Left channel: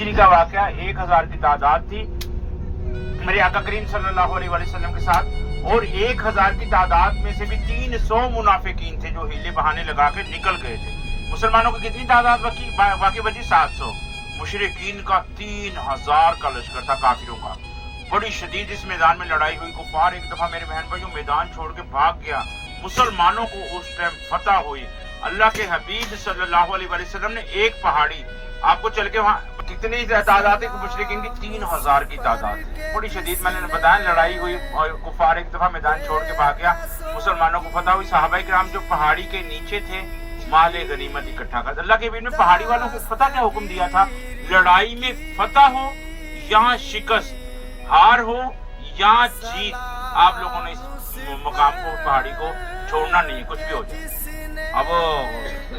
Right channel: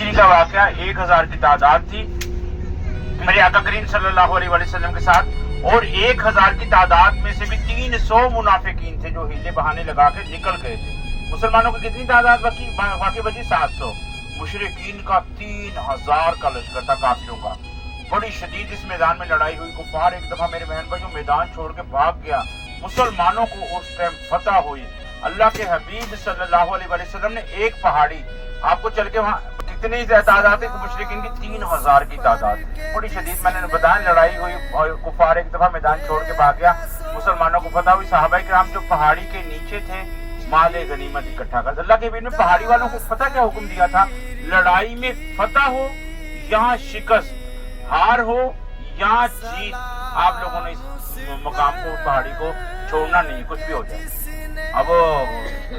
ہجری کا واقعہ 1000 کی تعداد تھی میرے آقا کریم صلی اللہ علیہ وسلم کے ساتھ، اور 1000 کی تعداد میں سے بھی 300 منافقین تھے جو ہیلے بہانے لگا کے نکل گئے تھے۔ مسلمانوں کی کتنی تعداد باقی بچی؟ 700۔ مشرکین کا 3000 کا لشکر تھا کافروں کا۔ بڑی شدید اس میدان میں لڑائی ہوئی، کفار ایک دفعہ میرے بہن بھائی جو میدان چھوڑ کے بھاگ گیا، مسلمانوں کو اس ٹائم فتح ہوئی۔ اللہ کے حبیب صلی اللہ علیہ وسلم نے ایک پہاڑی، آپ کو چل کے وہاں کتنی تعداد ہے؟ مشرکین کی 3000 کی تعداد، بڑی شدید میں نے بتایا لڑائی ہوئی اور کفار ایک دفعہ میدان چھوڑ کے بھاگ گیا، مسلمانوں کو فتح ہوئی۔ صحابہ کرام جو پہاڑی کے نیچے تھے مال غنیمت اکٹھا کر، اللہ کے حبیب نے پہاڑی والوں کو فتح کیا حکم دیا تھا؟ لڑائی میں فتح ہو یہاں شکست، ہار ہو یا جیت، آپ لوگوں نے اس مقام کو پہاڑی کو چھوڑنا نہیں، کچھ بھی ہو جائے۔ اب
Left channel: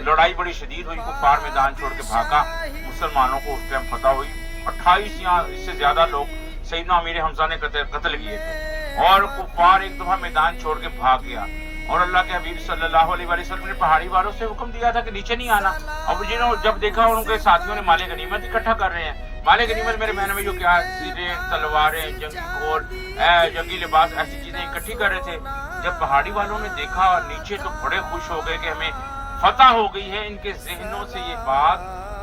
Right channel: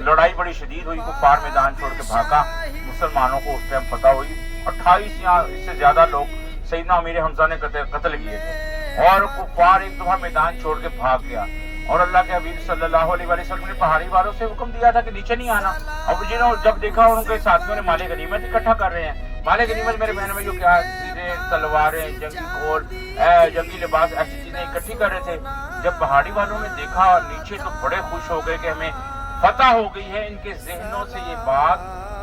لڑائی بڑی شدید ہوئی، کفار میدان چھوڑ کے بھاگا، مسلمانوں کو اس ٹائم فتح ہوئی۔ 28 یا اس سے زیادہ لوگ سیدنا امیر حمزہ نے قتل کیے تھے، اور کفار ایک دفعہ میدان چھوڑ کے بھاگ گیا، اور اللہ کے حبیب صلی اللہ علیہ وسلم نے پہاڑی والوں سے حکم دیا تھا کہ نیچے نہیں آنا۔ اب جنہوں جب دیکھا ان کے ساتھیوں نے مال غنیمت اکٹھا کر رہے ہیں، مال غنیمت میرے بہنوں میں جو کیا ہے، تیریں، تلواریں، جنگی گھوڑ، جنگی لباس، ایسی چیزیں اکٹھی کر رہے تھے۔ جب پہاڑی والوں نے دیکھا نیچے تو بڑے خوش ہو گئے کہ ہمیں فتح ہو گئی ہے، ان کے ذہنوں سے یہ بات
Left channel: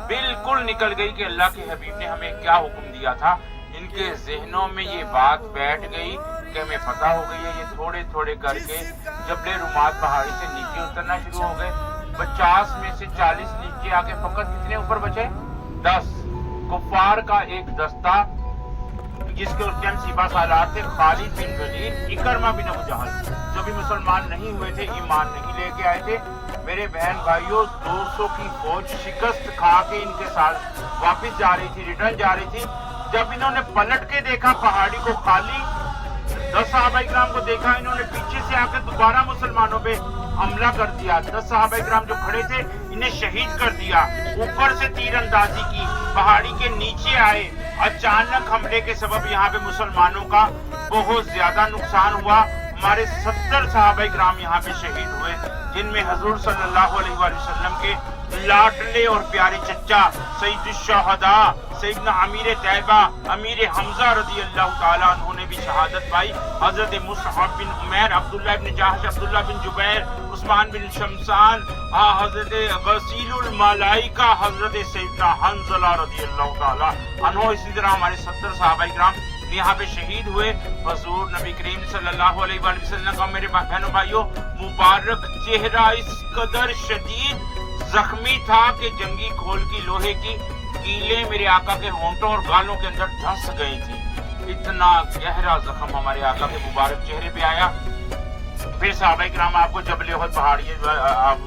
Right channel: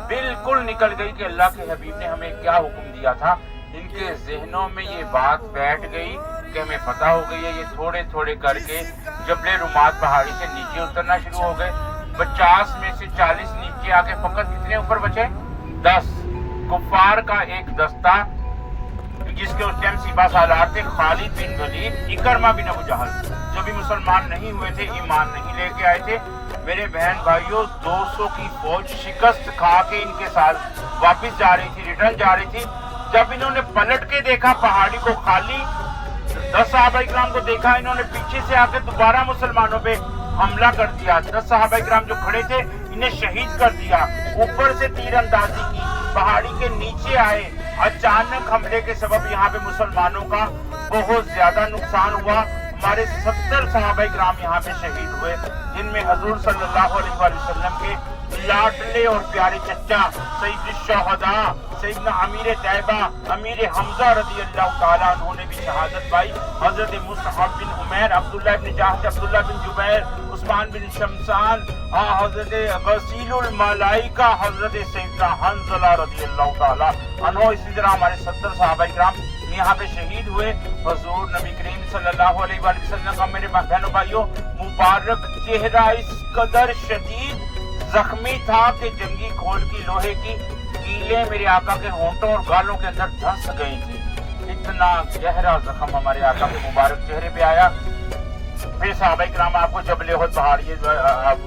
بالکل نکل گئی کہ اللہ کے حبیب نے ہمیں کیا حکم دیا تھا، ان کے ذہنوں میں یہ بات بیٹھ گئی کہ ہمیں فتح ہو گئی ہے۔ یہ تھوڑے تھوڑے کر کے جبل رمات پہاڑی سے نیچے اترنا شروع ہو گئے۔ 50 میں سے 40 نیچے آ کے فقط کتنے اوپر بچے؟ 10۔ کفار کا ایک دستہ جس کے اس ٹائم سپاہ سالار تھے خالد بن ولید، اکرمہ بن ابو جہل، جو بھی مسلمان نہیں ہوئے تھے، ایمان نہیں لے کے آئے تھے، میرے بہن بھائیوں 200 کی فوج شکست کھا کے ان کے ساتھ واپس جا رہی تھی، ریٹرن جا رہی تھی۔ جب انہوں نے پلٹ کے دیکھا پہاڑی کو خالی، 10 صحابہ کرام کو دیکھا، انہوں نے پیچھے سے آ کے دوبارہ مسلمانوں پہ حملہ کر دیا۔ 10 صحابہ کرام جو کھڑے تھے انہیں شہید کر دیا، اوپر سے تیر اندازی کی، پہاڑی کے نیچے آئے۔ اچانک حملے کے سبب یہاں پہ مسلمانوں کا بہت زیادہ نقصان ہوا، ہمارے 70 صحابہ کرام یہاں پہ شہید ہوئے، جن میں حضور صلی اللہ علیہ وسلم کے لاڈلے اور پیارے چچا سید الشہداء سیدنا امیر طیبہ امیر حمزہ رضی اللہ تعالیٰ عنہ نے بھی شہادت پائی۔ حضرت مصعب بن عمیر، عبداللہ بن جاحش، عبداللہ بن جبیر، عثمان بن شمسان، حضرت غسیل الملائکہ حضرت سیدنا حنظلہ رضی اللہ تعالیٰ عنہ، اسی طرح ہمارے 70 صحابہ کرام یہاں پہ شہید ہوئے۔ حضور نبی کریم صلی اللہ علیہ وآلہ وسلم کا میرے بہنوں بھائیوں مبارک چہرہ اس قدر شدید زخمی تھا کہ جنگی کھول کی لوہے کی کیلیں میرے آقا کے ہونٹوں اور گالوں کے اندر دھس گئی تھی، اتنا گہرا زخم ہمارے آقا کے مبارک چہرے پہ آیا۔ پھر صحابہ کرام آپ کو جبل احد پہاڑ، یہ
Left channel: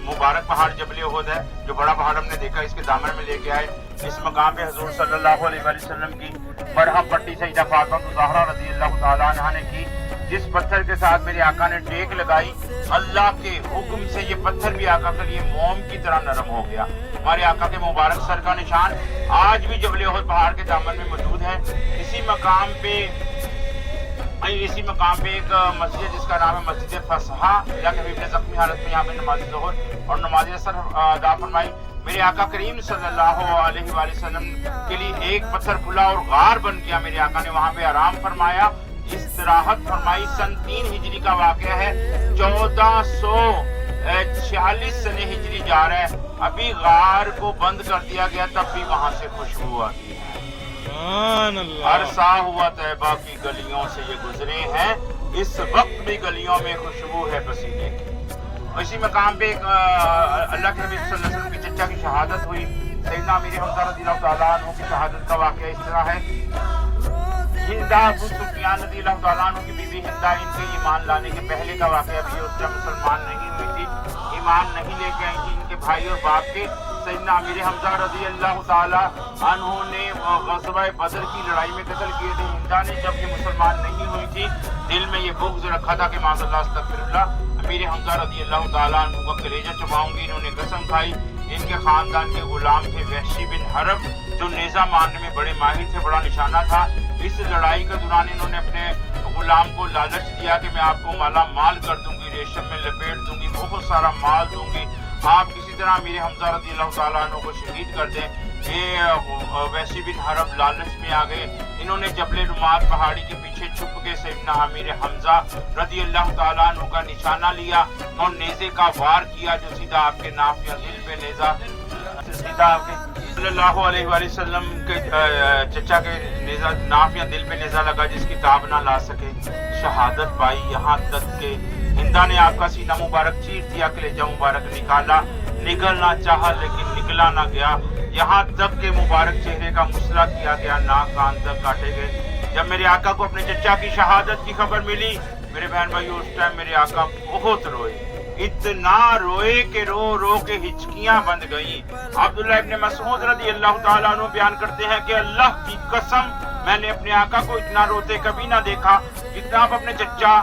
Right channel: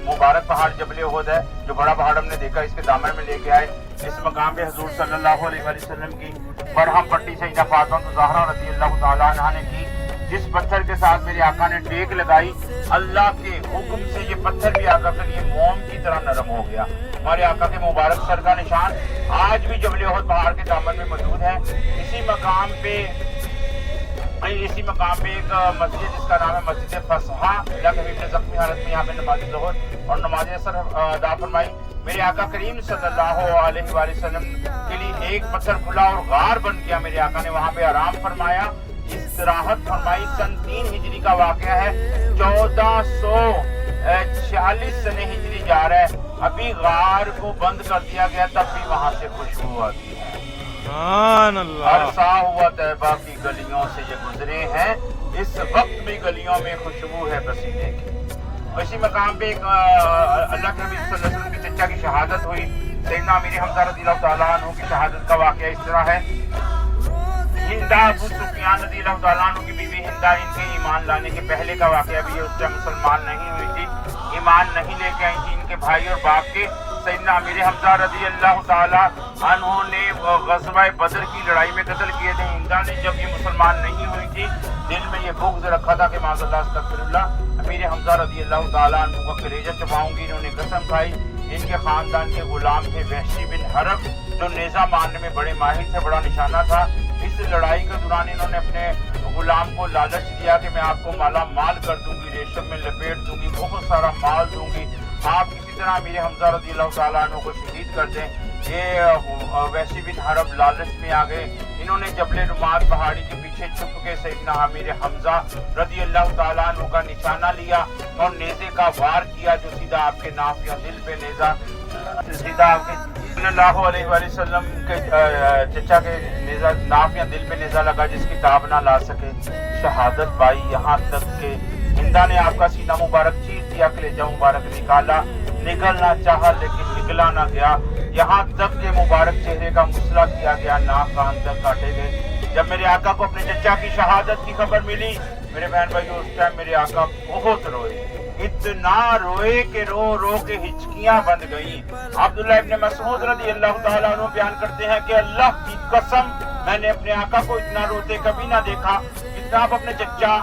مبارک پہاڑ جبل احد ہے، جو بڑا پہاڑ ہم نے دیکھا، اس کے دامن میں لے کے آئے۔ اس مقام پہ حضور صلی اللہ علیہ وآلہ وسلم کی برہم پٹی سیدہ فاطمہ الزہرا رضی اللہ تعالیٰ عنہا نے کی، جس پتھر کے ساتھ میرے آقا نے ٹیک لگائی، اللہ کے حکم سے یہ پتھر بھی آقا کے لیے موم کی طرح نرم ہو گیا۔ ہمارے آقا کے مبارک سر کا نشان آج بھی جبل احد پہاڑ کے دامن میں موجود ہے۔ اسی مقام پہ ایک مسجد جس کا نام ہے مسجد فسحہ، یا کہ زخمی حالت میں یہاں پہ نماز ظہر اور نماز عصر ادا فرمائی۔ میرے آقا کریم صلی اللہ علیہ وآلہ وسلم کے لیے ایک پتھر کھلا اور غار بن گیا، میرے آقا نے وہاں پہ آرام فرمایا، استراحت فرمائی۔ سن 3 ہجری کا واقعہ ہے، 1446 سنے ہجری جا رہا ہے، ابھی غار کو بند کر دیا گیا، تب بھی وہاں سے خوشبو آتی ہے۔ عرصہ ہوا طیبہ کی گلیوں سے یہ گزرے ہیں، اس وقت بھی گلیوں میں خوشبو ہے پسینے کی۔ اسی مقام پہ ایک اللہ کے نبی صلی اللہ علیہ وسلم کی چچا کی شہادت ہوئی، سیدنا امیر حمزہ رضی اللہ تعالیٰ عنہ کی شہادت کا واقعہ اس طرح ہے۔ ہندا ابو سفیان رضی اللہ تعالیٰ عنہ کی بیوی ہندا، ان کے ایمان لانے کے پہلے کا واقعہ بھی ہے، اس سے مسلمان نہیں ہوئی تھی، ایمان نہیں لے کے آئی تھی۔ ان کے بھائی اور باپ کے سیدنا امیر حمزہ رضی اللہ تعالیٰ عنہ نے غزوہ بدر کی لڑائی میں قتل کیے تھے۔ ہندا نے جب یہ مسلمان نہیں ہوئی تھی، دل میں یہ بغض رکھا تھا کہ معاذ اللہ استغفر اللہ، امیر حمزہ رضی اللہ تعالیٰ عنہ کا کلیجہ چباؤں گی۔ انہوں نے قسم کھائی۔ ان کے خاندان کے غلام تھے وحشی بن حرب، جو نیزہ مارنے میں بڑے ماہر تھے، بڑا نشانہ تھا۔ اس لڑائی کے دوران انہوں نے اپنے غلام کو لالچ دیا کہ میں آپ کو مالا مال کر دوں گی، ریشم میں لپیٹ دوں گی، بہت سارا مال دوں گی، آپ کسی طرح امیر حمزہ رضی اللہ تعالیٰ عنہ کو شہید کر دیں۔ یہ ویسی بن حرب لالچ میں آ گئے، انہوں نے جبل رمات پہاڑی کے پیچھے چھپ کے سیدنا امیر حمزہ رضی اللہ تعالیٰ عنہ کا نشانہ لیا اور نیزے کا وار کیا جو سیدھا آپ کے نافیہ دل پہ نیزہ سیدھا آپ کے صلی اللہ علیہ وآلہ وسلم کے چچا کے نیزہ نافیہ دل پہ نیزہ لگا جس کی تاب نہ لا سکے، شہادت پائی، یہاں تک کہ ہندا نے آپ کا سینہ مبارک چیر دیا، کلیجہ مبارک نکالا، نکلنا چاہا لیکن نکلا نہ گیا، یہاں تک کہ مبارک چہرے کا مسئلہ کیا گیا، ناک کان تک کاٹے گئے۔ جب میرے آقا کو اپنے چچا کی شہادت کی خبر ملی، میرے بہن بھائیو، اس ٹائم میرے آقا بہت روئے، اتنا روئے کہ رو رو کے ہچکیاں بند گئیں۔ عبداللہ ابن مسعود رضی اللہ تعالیٰ عنہ بیان کرتے ہیں کہ اللہ کی قسم میں نے اپنے آقا کو اتنا روتے کبھی نہ دیکھا جتنا آپ اپنے چچا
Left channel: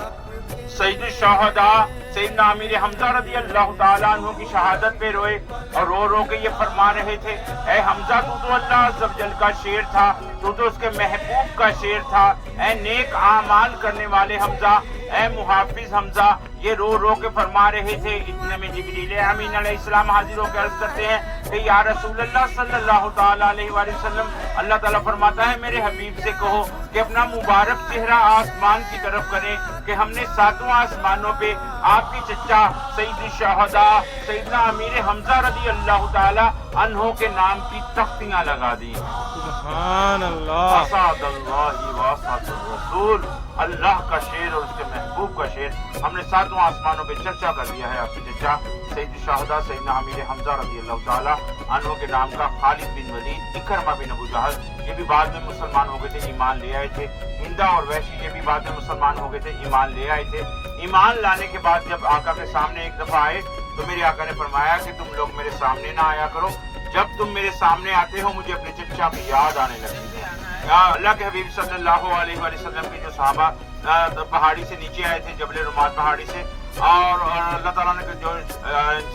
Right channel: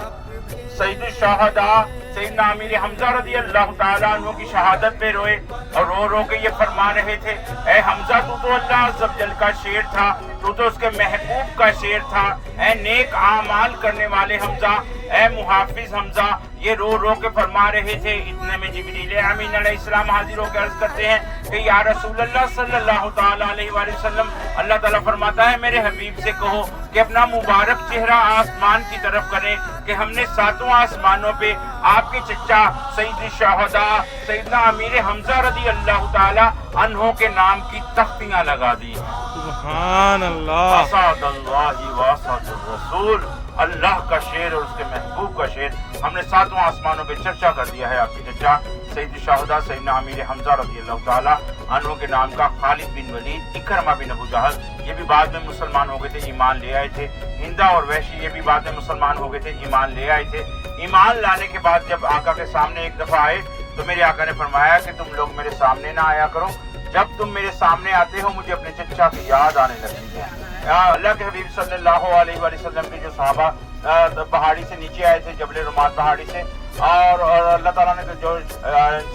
سید الشہداء سیدنا امیر حمزہ رضی اللہ تعالیٰ عنہ کی شہادت پہ روئے اور رو رو کے یہ فرما رہے تھے، اے حمزہ تو اللہ عز و جل کا شیر تھا، تو اس کے محبوب کا شیر تھا، اے نیک اعمال کرنے والے حمزہ، اے محافظ حمزہ، یہ رو رو کے فرما رہے تھے۔ اتنے میں جبریل امین علیہ السلام حاضر ہو کے عرض کرتے ہیں کہ یا رسول اللہ صلی اللہ تعالیٰ علیہ وآلہ وسلم، اللہ تعالیٰ فرماتا ہے میرے حبیب سے کہو کہ اپنا مبارک چہرہ آسمان کی طرف کرے کہ ہم نے ساتوں آسمانوں پہ آپ کے چچا سید الشہداء سیدنا امیر حمزہ رضی اللہ تعالیٰ عنہ کے نام کی تختیاں لگا دی۔ سبحان اللہ، اسعد اللہ واسعد الرسول، اللہ کا شیر اور اس کے محبوب کا شیر ہم نے ساتوں آسمانوں پہ چرچا کر دیا ہے۔ آپ کی چچا سید الشہداء سیدنا امیر حمزہ رضی اللہ تعالیٰ عنہ کے نام کا خالد بن ولید، اکرمہ بن ابو جہل، یہ بھی بعد میں مسلمان ہو گئے تھے، ایمان لے آئے تھے۔ ہندا اور وحشی یہ بھی بعد میں مسلمان ہو گئے تھے، ایمان لے آئے تھے۔ ایمان لانے کے بعد جب آقا کے سامنے ایک دفعہ آئے تو میرے آقا نے فرمایا کہ تم لوگ میرے سامنے نہ آیا کرو، جب تم میرے سامنے آتے ہو مجھے اپنے چچا کی یاد آنے لگتی ہے۔ اللہ کے حبیب صلی اللہ علیہ وآلہ وسلم کی جو صحابہ پہاڑی سے نیچے آئے تھے، جبل رمات پہاڑی سے، اور اللہ تعالیٰ نے جو ان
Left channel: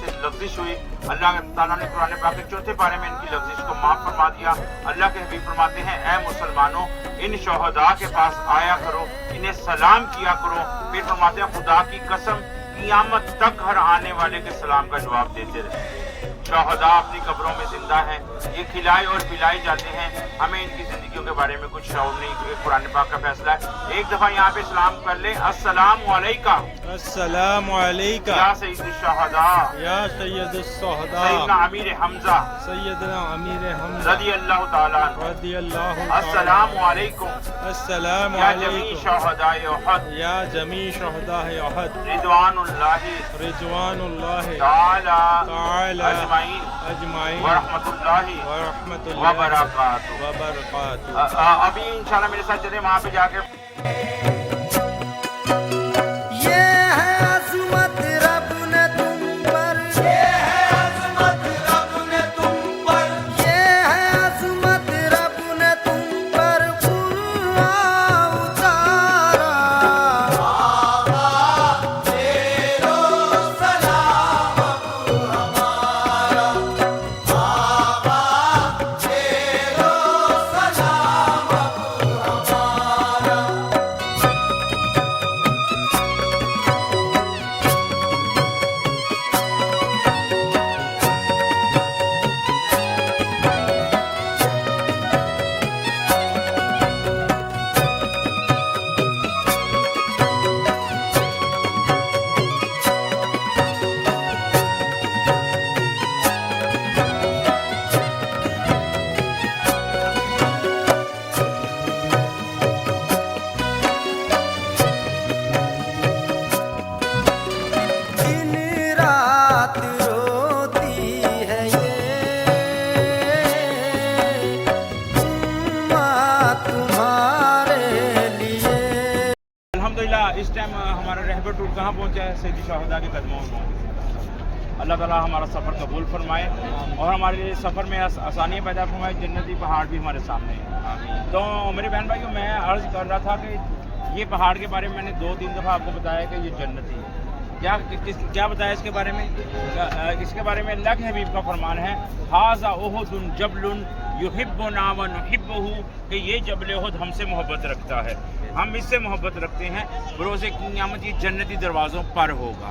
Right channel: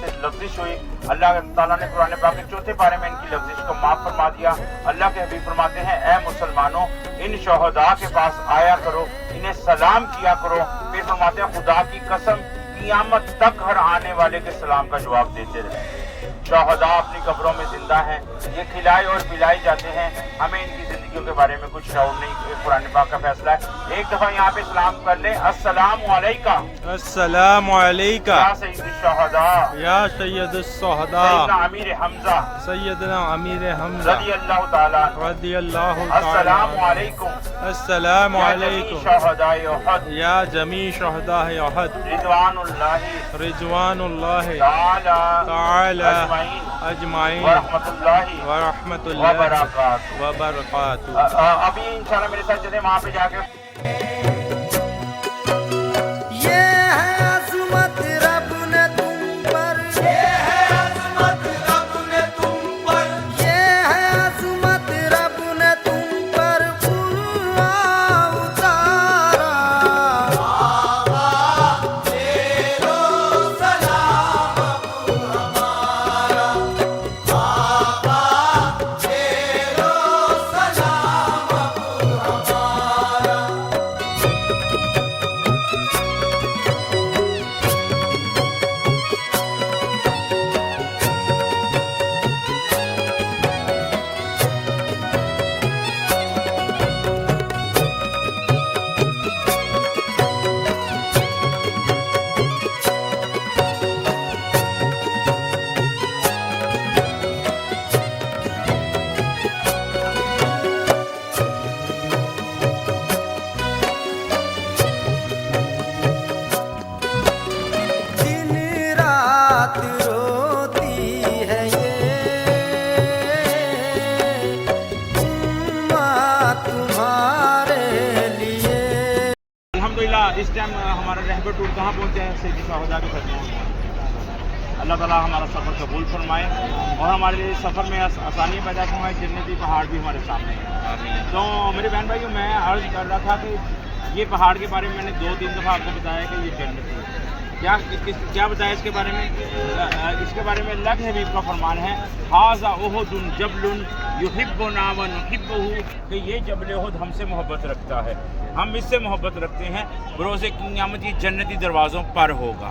سے لفظش ہوئی، اللہ تعالیٰ نے قرآن پاک کے چوتھے پارے میں ان کی لفظش کو معاف فرما دیا۔ اللہ کے حبیب فرماتے ہیں اے مسلمانوں، ان شہداء کے پاس آیا کرو، انہیں سلام کیا کرو۔ پھر فرماتے ہیں خدا کی قسم قیامت تک ہر آنے والے کے سلام کا جواب دیتے رہے۔ شہداء اپنی قبروں میں زندہ ہیں، یہ کھلائے اور پلائے جاتے ہیں، ہمیں ان کی زندگیوں کے بارے میں کچھ شعور نہیں، قرآن پاک کا فیصلہ ہے۔ ایک دفعہ یہاں پہ سلام کر لیں، السلام علیکہ، السلام علیکہ یا سید الشہداء، یا سید الشہداء سیدنا امیر حمزہ سیدنا امیر حمزہ رضی اللہ تعالیٰ، رضی اللہ تعالیٰ، السلام علیکم، السلام یا جمیع علیکم شہداء احد، یا جمیع شہداء احد، رضوان اللہ رضوان اللہ تعالی اجمعین ورحمۃ اللہ ورحمۃ اللہ وبرکاتہ۔ وبرکاتہ۔ ابھی انشاءاللہ میرے ساتھ چلیں وہاں پہ جا کے یہ ہے عظمت رب نے تم پر، یہ ہے عظمت رب نے تم پر، یہ ہے عظمت رب نے تم پر قرآن اتارا۔ آقا تیرو سلام ابو ہمارا، آقا تیرو سلام ابو ہمارا۔ دن رات روتی ہے یہ امت تمہارے لیے۔ الحمدللہ اس ٹائم ہمارا رہبر ٹور کہاں پہنچا ہے؟ سید الشہداء کے خدموں میں پہنچا ہے۔ اللہ تعالیٰ ہمارا سفر قبول فرمائے اور ہمارے لیے سفر میں آسانیاں پیدا فرمائے، جنتی پہاڑ بھی ہمارے سامنے ہیں۔ تو میرے بہن بھائیوں، میں عرض کر رہا تھا کہ یہ پہاڑ کے بارے میں نے 2-3 دفعہ آپ کو بتایا کہ یہ جنتی ہے۔ کیا بتایا اس کے بارے میں؟ اس کے بارے میں اللہ کے حبیب کا فرمان ہے، ھذا احد جبل یحبنا ونحبہ، کہ یہ جبل احد ہم سے محبت رکھتا ہے، ہم اس سے محبت رکھتے ہیں، بروز قیامت یہ جنتی دروازوں پر ہوگا۔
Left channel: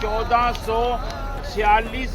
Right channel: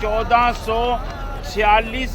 1446